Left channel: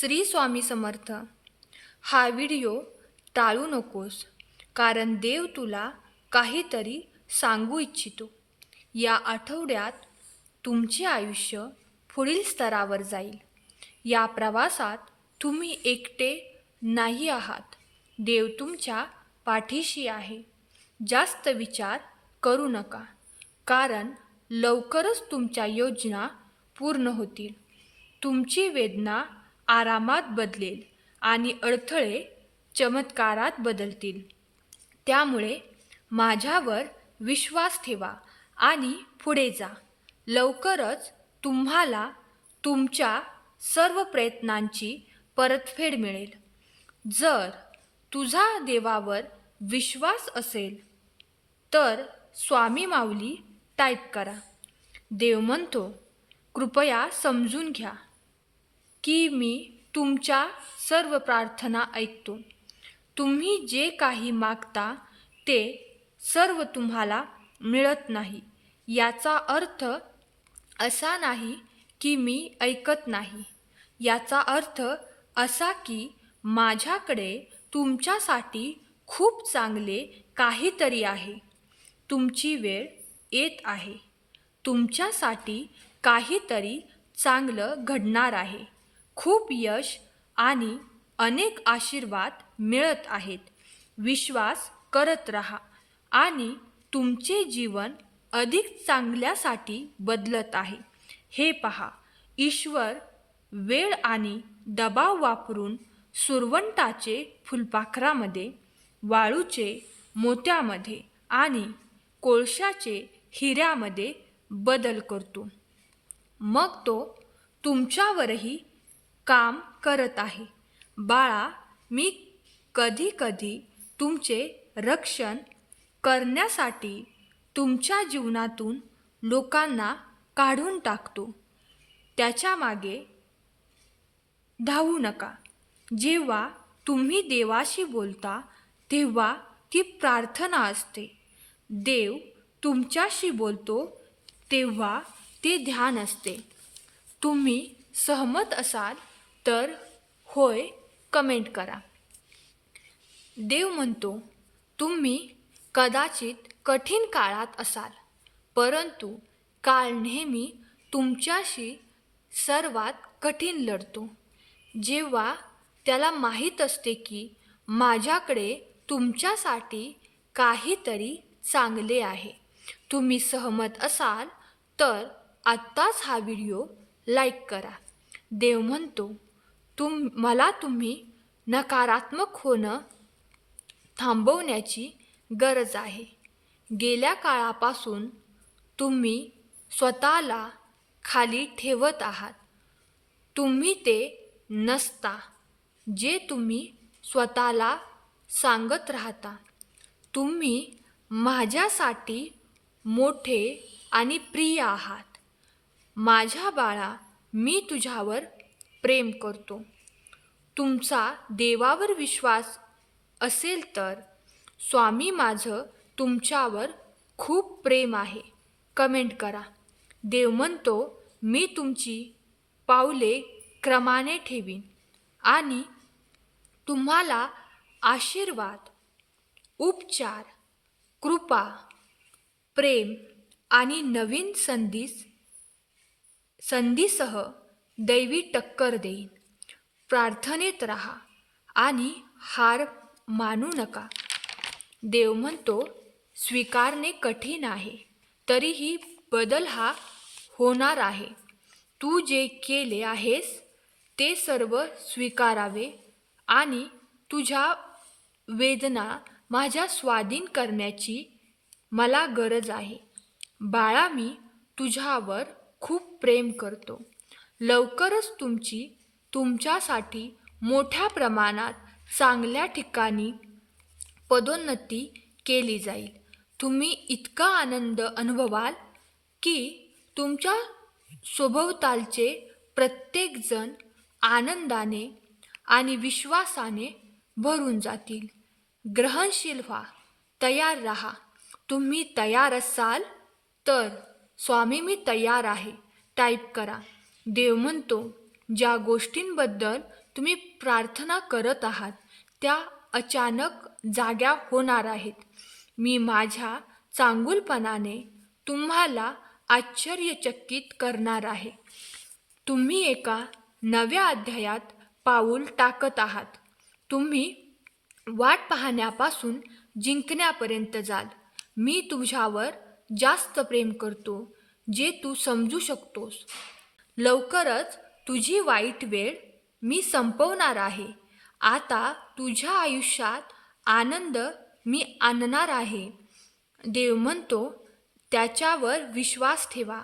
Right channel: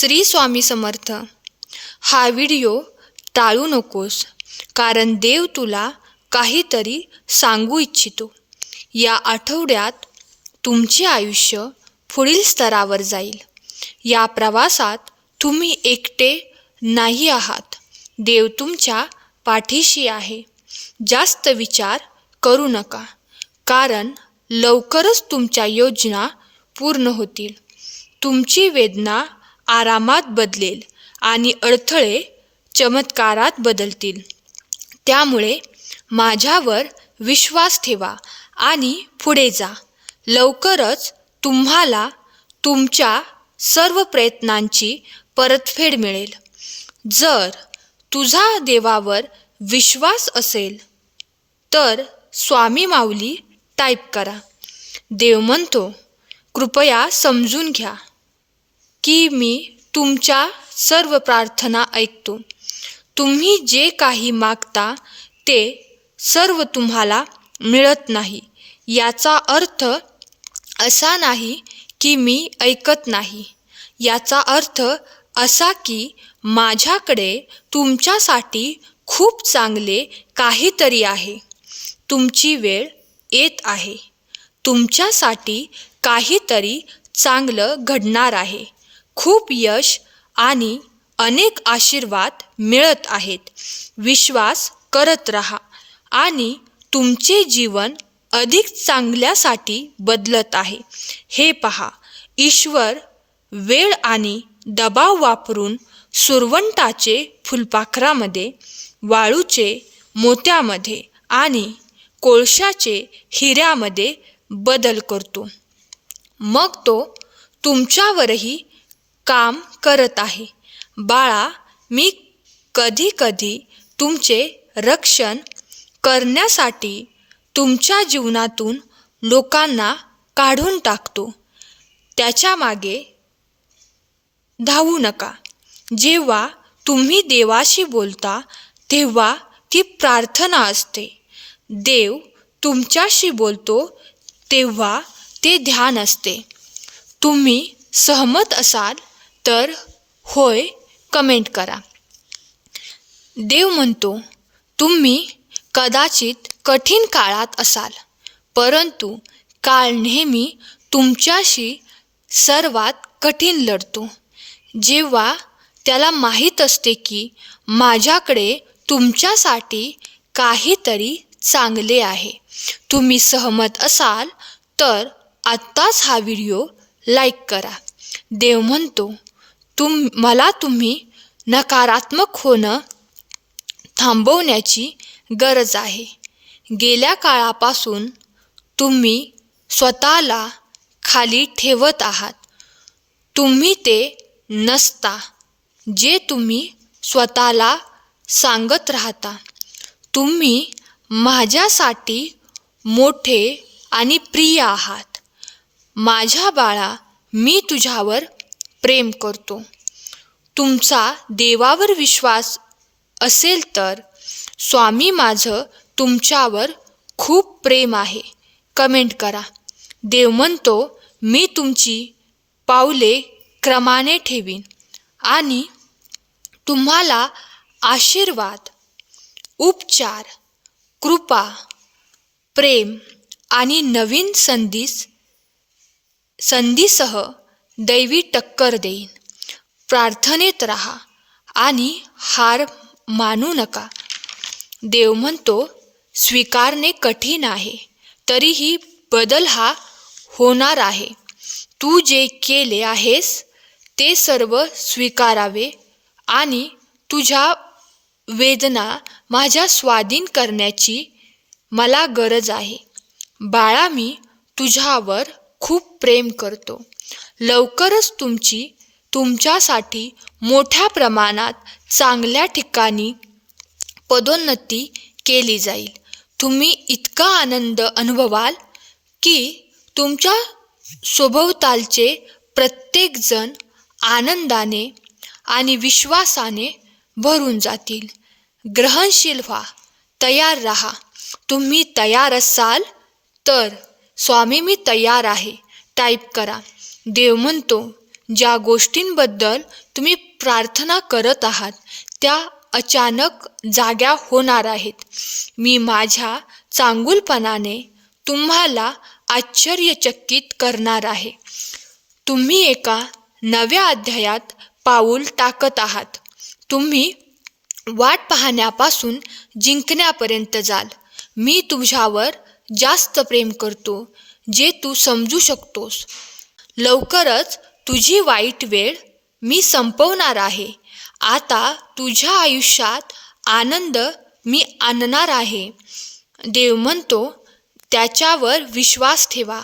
श्री स्वामी समर्थ. हा व्हिडिओ टाळू नकोस कारण देव तुला काहीतरी सांगू इच्छितो. या आठवड्यात तुमचे आयुष्य पुढील स्तरावर जाईल. या प्रवासात तुम्ही एकटे नाही आहात. देव तुमच्या पाठीशी आहे. जास्त विचार करू नका कारण लवकरच तुमच्या योजना पूर्ण होतील. तुमची वेदना आरामात बदलेल आणि अडथळे चमत्कारात बदलतील. त्यामुळे माझ्यावर विश्वास ठेवा आणि पुढे जा. लवकरच तुम्हाला तुमच्या सर्व प्रयत्नांची परतफेड मिळेल. जर तुझा देवावर विश्वास असेल तर स्वामी माऊली टाईप करा. देव म्हणतो कृपया समजून घ्या. की मी तुमच्या सर्व प्रार्थना ऐकतो. तुम्ही जे काही मागता ते सर्व तुम्हाला मिळत नाही. याचा अर्थ असा नाही की मी ऐकत नाही. याचा अर्थ असा की माझ्याकडे तुमच्यासाठी खूप चांगले काहीतरी आहे. तुमची वेळ येत आहे. तुमच्यासाठी काहीतरी चांगलं घडणार आहे. खूप यश आणि अनेक आशीर्वाद मिळत आहेत. विश्वास करत राहा आणि तुमचे जीवन अधिक चांगल्यासाठी बदलत आहे. हे पहा ईश्वर वेळ आणि दबाव वापरून सुरवंटाचे फुलपाखरामध्ये वाळूचे मोत्यामध्ये आणि कोळशाचे हिऱ्यामध्ये बदल करतो. मग तो तुमच्यावरही काम करत आहे. बाळा मी कधी कधी तुमचे रक्षण करण्यासाठी तुमच्या जीवनातून लोकांना काढून टाकतो. त्याच्यामागे धावू नका. जेव्हा तुम्ही देवाशी बोलता तेव्हा ती प्रार्थना असते. देव तुमच्याशी बोलतो तेव्हा ते ध्यान असते. तुम्ही सहमत असाल तर होय कमेंट करा. देव म्हणतो तुम्ही कदाचित कठीण काळात असाल परंतु काळ नेहमी तुमच्याशी सर्वात कठीण लढतो. जेव्हा त्याला माहीत असते की माझ्याकडे तुमच्यासाठी काहीतरी चांगले आहे. तुम्ही सहमत असाल तर आत्ताच हा व्हिडिओ लाईक करा. देव म्हणतो तुम मला तुम्ही नकारात्मक होणं थांबवण्याची गरज आहे. गेल्या काळापासून तुम्ही स्वतःला खाली ठेवत आहात. तुम्ही ते नसता जे तुम्ही स्वतःला सांगत राहता. तुम्ही माझ्यासाठी मोठे आणि प्रिय आहात. माझ्या बाळा मी तुझ्यावर प्रेम करतो. तुमचा देवावर विश्वास असेल तर स्वामी माझं तुमच्यावर खूप प्रेम आहे. कमेंट करा. देव म्हणतो मी तुमची पावले क्रमाने ठेवीन आणि तुम्हाला आशीर्वाद उपचार कृपा प्रेम आणि नवीन संधीस संधीसह दैवी टक्कर देईन. प्रार्थनेत राहा आणि हार मानू नका. देव म्हणतो स्वीकारणे कठीण आहे तरीही बदल हा होणार आहे. तू जे केले आहेस ते सर्व स्वीकारावे आणि तुझ्या वेदना माझ्या स्वाधीन करण्याची मला गरज आहे. बाळा मी तुझ्यावर खूप प्रेम करतो. लवकरच तुमची तुमच्यासाठी मोठ्या प्रमाणात चांगल्या ठिकाणी पदोन्नती केली जाईल. तुम्ही इतका आनंद अनुभवाल की तुमच्या सभोवतालचे प्रत्येकजण आनंदाने आणि विश्वासाने भरून जातील. ग्रहणशील व्हा तयार राहा. तुम्ही तयार असाल तर स्वामी मी तयार आहे. टाईप करा. देव म्हणतो ज्या गोष्टींबद्दल तुम्ही प्रार्थना करत आहात त्या अचानक जाग्या होणार आहेत. मी माझ्या चांगुलपणाने तुम्हाला आश्चर्यचकित करणार आहे. तुम्ही एका नव्या अध्यायात पाऊल टाकत आहात. तुम्ही वाट पाहण्यापासून जिंकण्यापर्यंत जाल. मी तुझ्यावर जास्त प्रेम करतो जे तू समजू शकतोस. लवकरच तुझी वाईट वेळ मी संपवणार आहे. आता तुझ्या आयुष्यात आनंद मी आणणार आहे. देव म्हणतो त्याच्यावर विश्वास ठेवा.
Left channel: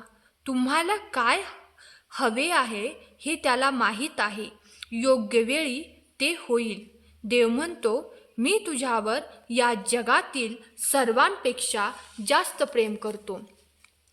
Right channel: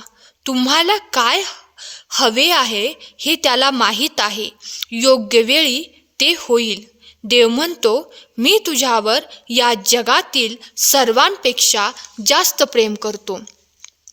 तुम्हाला काय हवे आहे हे त्याला माहीत आहे. योग्य वेळी ते होईल. देव म्हणतो मी तुझ्यावर या जगातील सर्वांपेक्षा जास्त प्रेम करतो.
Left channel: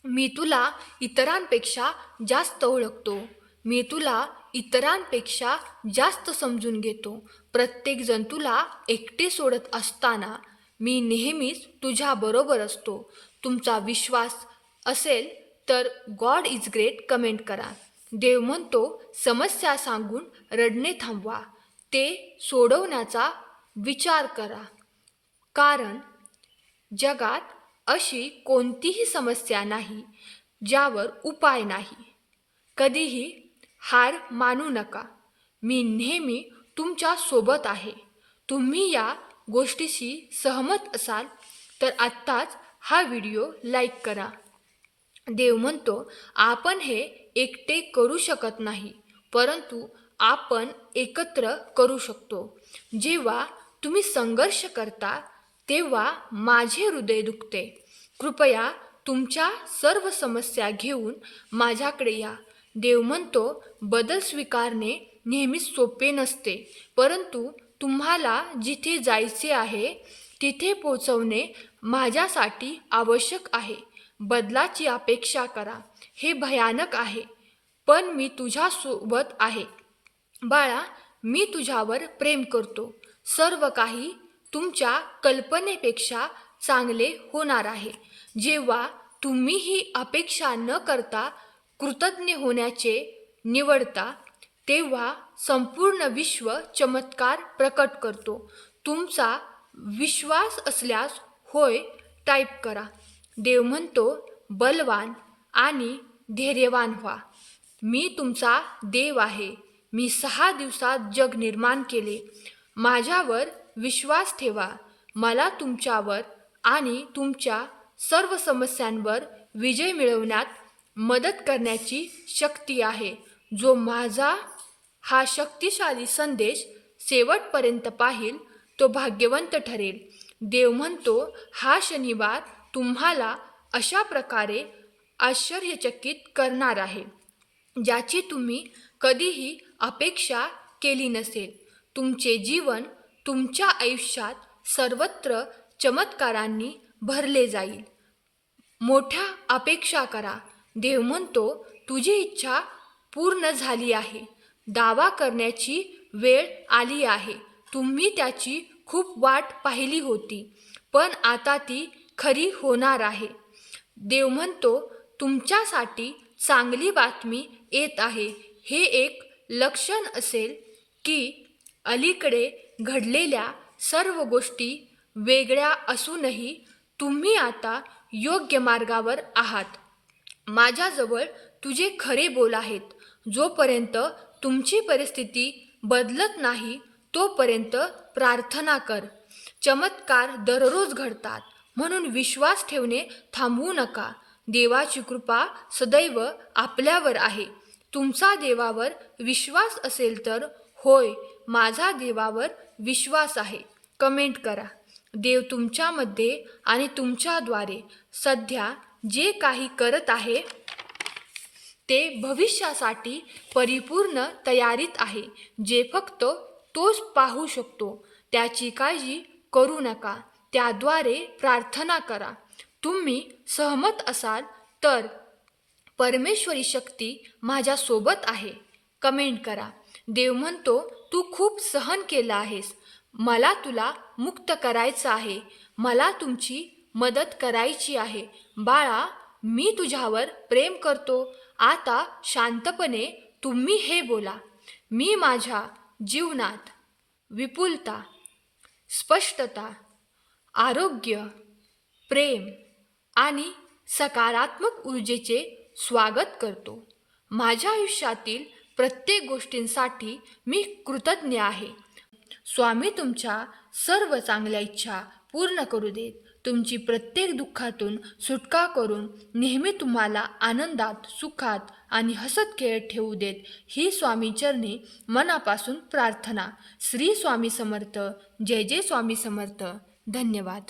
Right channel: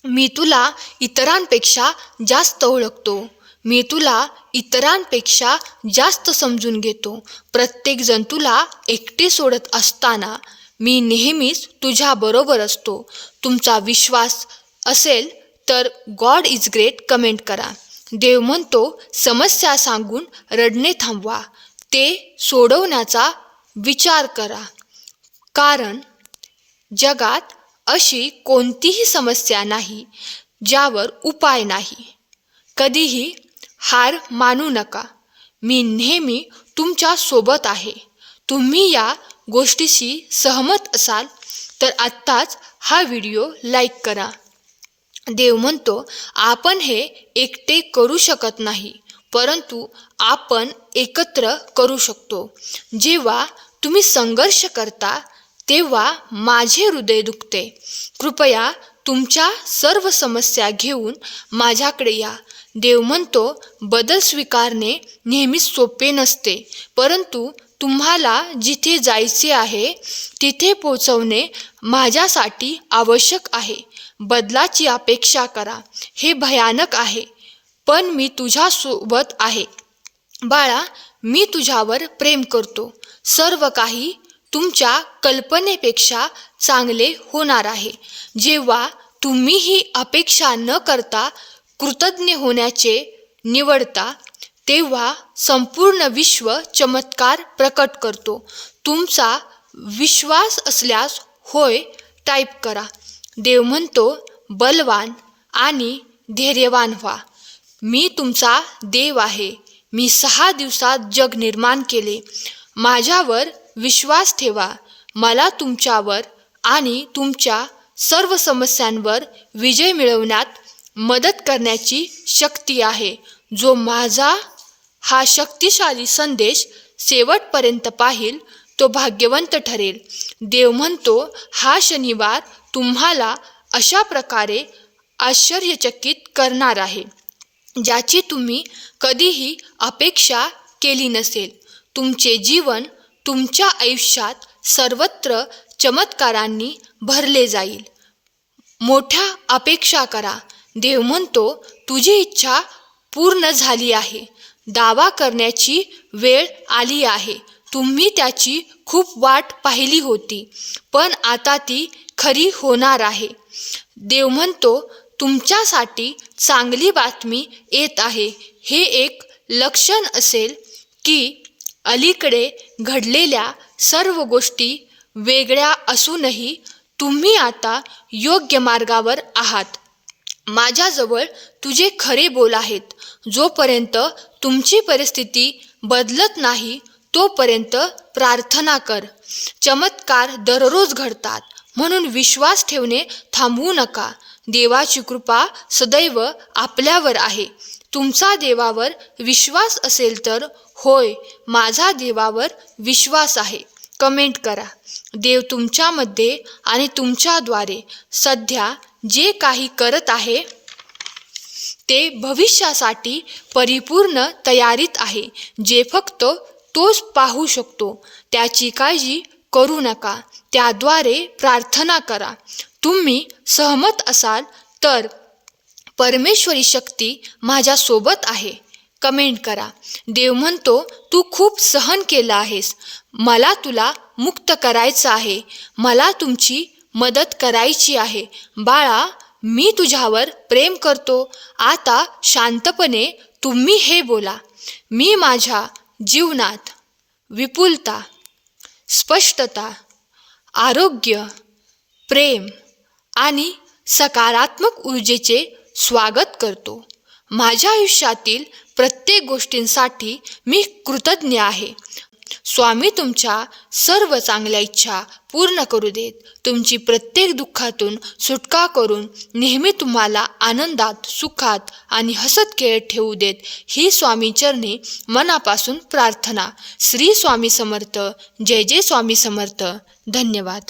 मी तुला इतरांपेक्षा जास्त ओळखतो. मी तुला इतरांपेक्षा जास्त समजून घेतो. प्रत्येकजण तुला एकटे सोडत असताना मी नेहमीच तुझ्याबरोबर असतो. तुमचा विश्वास असेल तर गॉड इज ग्रेट कमेंट करा. देव म्हणतो समस्या सांगून रडणे थांबवा. ते सोडवण्याचा विचार करा. कारण जगात अशी कोणतीही समस्या नाही ज्यावर उपाय नाही. कधीही हार मानू नका. मी नेहमी तुमच्यासोबत आहे. तुम्ही या गोष्टीशी सहमत असाल तर आत्ताच हा व्हिडिओ लाईक करा. देव म्हणतो आपण हे एकटे करू शकत नाही परंतु आपण एकत्र करू शकतो. जेव्हा तुम्ही संघर्ष करता तेव्हा माझे हृदय दुखते. कृपया तुमच्या सर्व समस्या घेऊन माझ्याकडे या. देव म्हणतो बदल स्वीकारणे नेहमीच सोपे नसते. परंतु तुम्हाला जिथे जायचे आहे तिथे पोचवणे माझ्यासाठी आवश्यक आहे. बदलाची अपेक्षा करा. हे भयानक आहे पण मी तुझ्यासोबत आहे. बाळा मी तुझ्यावर प्रेम करतो. सर्व काही तुमच्या कल्पनेपेक्षा चांगले होणार आहे. जेव्हा तुम्ही ही अपेक्षा न करता कृतज्ञ होण्याचे निवडता तेव्हा संपूर्ण विश्व चमत्कार प्रकट करतो. तुमचा विश्वास असल्यास होय टाईप करा. देव म्हणतो बलवान आणि धैर्यवान व्हा. मी तुमचा देव आहे. मी सहा दिवसात जग निर्माण केले. माझ्यावर विश्वास ठेवा. मला तुमच्यावर आणि तुमच्या सर्व समस्यांवर विजय मिळवण्यात मदत करण्याची शक्ती आहे. जो माझा हा शक्तिशाली संदेश शेवटपर्यंत पाहिल तो भाग्यवंत ठरेल. देव म्हणतो हा शनिवार तुम्हाला अशा प्रकारे आश्चर्यचकित करणार आहे ज्याची तुम्ही कधीही अपेक्षा केली नसेल. तुमचे जीवन तुमच्या आयुष्यात सर्वत्र चमत्कारांनी भरले जाईल. मोठ्या अपेक्षा करा. देव म्हणतो तुझी इच्छा पूर्ण झाली आहे. दावा करण्याची वेळ आली आहे. तुम्ही त्याची खूप वाट पाहिली होती पण आता ती खरी होणार आहे. देव म्हणतो तुमच्यासाठी चांगली बातमी येत आहे. हे एक लक्षण असेल की अलीकडे घडलेल्या सर्व गोष्टी वेगळ्या असूनही तुम्ही आता योग्य मार्गावर आहात. माझ्याजवळ तुझे खरे बोल आहेत. जोपर्यंत तुमची परिस्थिती बदलत नाही तोपर्यंत प्रार्थना कर. चमत्कार दररोज घडतात. म्हणून विश्वास ठेवणे थांबवू नका. देवाची कृपा सदैव आपल्यावर आहे. तुमचा देवावर विश्वास असेल तर होय माझा देवावर विश्वास आहे. कमेंट करा. देव तुमच्यामध्ये आणि तुमच्याद्वारे सध्या जे काही करत आहे ते भविष्यासाठी परिपूर्ण तयारीत आहे. जे फक्त तोच पाहू शकतो त्याची काळजी करू नका. त्याद्वारे प्रार्थना करा. तुम्ही सहमत असाल तर परमेश्वरी शक्ती माझ्यासोबत आहे. कमेंट करा. देव म्हणतो तू खूप सहन केलं आहेस. मला तुला मुक्त करायचं आहे. मला तुमची मदत करायची आहे. बाळा मी तुझ्यावर प्रेम करतो. आता शांतपणे तुम्ही हे बोला. मी माझ्या जीवनात विपुलता स्पष्टता आरोग्य प्रेम आणि सकारात्मक ऊर्जेचे स्वागत करतो. माझ्या आयुष्यातील प्रत्येक गोष्टींसाठी मी कृतज्ञ आहे. स्वामी तुमच्या सर्व चांगल्या इच्छा पूर्ण करू देत. तुमची प्रत्येक दुःखातून सुटका करून नेहमी तुम्हाला आनंदात सुखात आणि हसत खेळत ठेवू देत. ही स्वामी चरणी मनापासून प्रार्थना. श्री स्वामी समर्थ. जय जय स्वामी समर्थ. धन्यवाद.